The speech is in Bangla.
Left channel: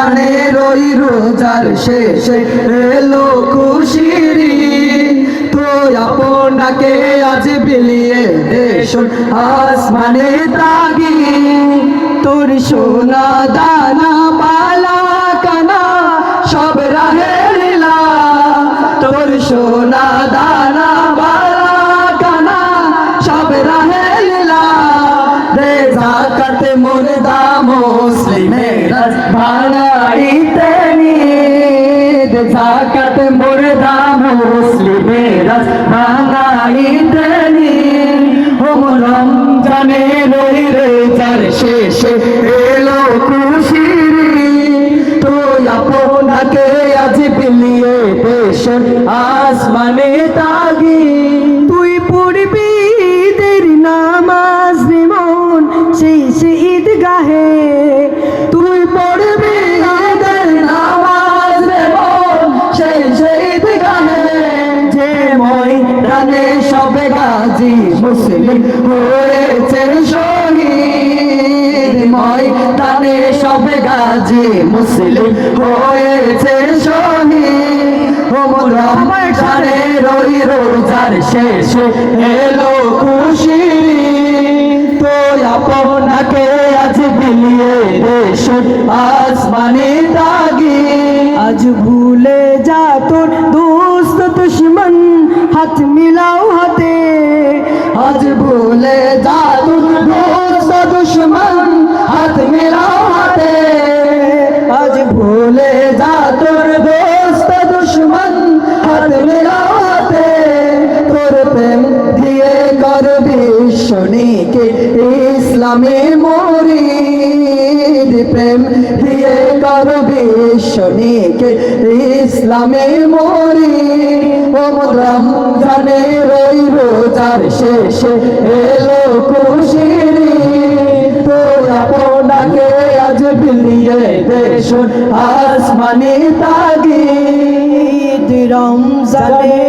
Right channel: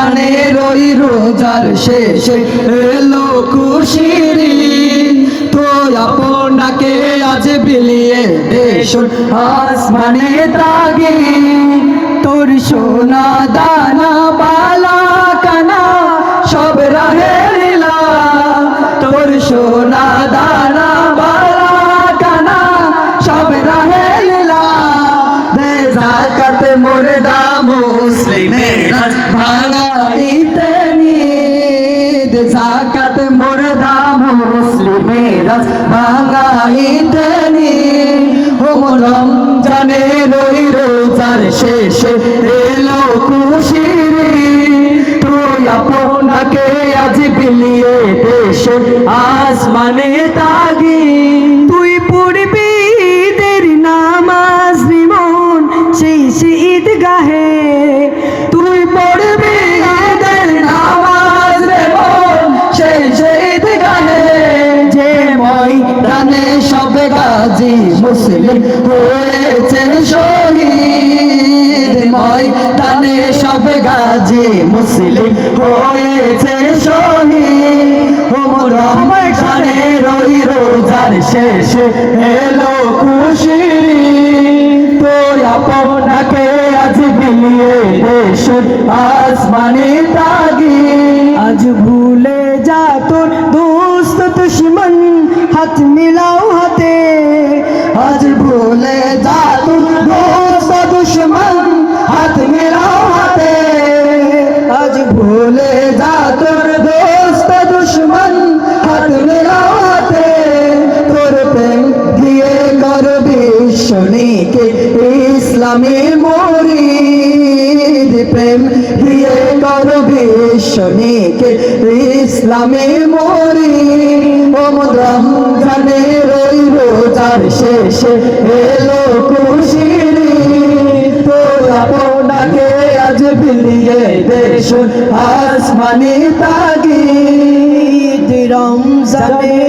রমজানের ওই রোজার শেষে এলো খুশির ঈদ। তো আপনাকে আজ বিলিয়ে দেশ আসমানে তাগি, তোর সোনা দানা বালা কানা সব রাহে লীলা, তোর সোনা দানা বালা কানা সব রাহে লীলা। দে যাকাত মুর্দা মুসলিমের ভাঙা ইতনি, দে যাকাত মুর্দা মুসলিমের ভাঙা ইতনি। ও রমজানের ওই রোজার শেষে এলো খুশির ঈদ। তো আপনাকে আজ বিলিয়ে দেশ আসমানে তাগি, তুই পড়বি ঈদের নামাজ রিমন শেষে ঈদগাহে, তুই পড়বি ঈদের নামাজ রিমন শেষে ঈদগাহে। যে ময়দানে সব গাজী মুসলিম হয়েছেন শহীদ, ময়দানে সব গাজী মুসলিম হয়েছে শহীদ। ও রমজানের ওই রোজার শেষে এলো খুশির ঈদ। তো আপনাকে আজ বিলিয়ে দেশ আসমানে তাগি, আজ ভুলে যা তোর দোস্ত দুশ্মন হাত মিলাও হাতে, আজ ভুলে যা তোর দোস্ত দুশ্মন হাত মিলাও হাতে, আজ ভুলে যা তোর দোস্ত দুশ্মন হাত মিলাও হাতে। তোর প্রেম দিয়ে করবি শনিকে ইসলামের মুরিদ, প্রেম দিয়ে করবি শনিকে ইসলামের মুরিদ। ও রমজানের ওই রোজার শেষে এলো খুশির ঈদ। তো আপনাকে আজ বিলিয়ে দেশ আসমানে তাগি, রমজানে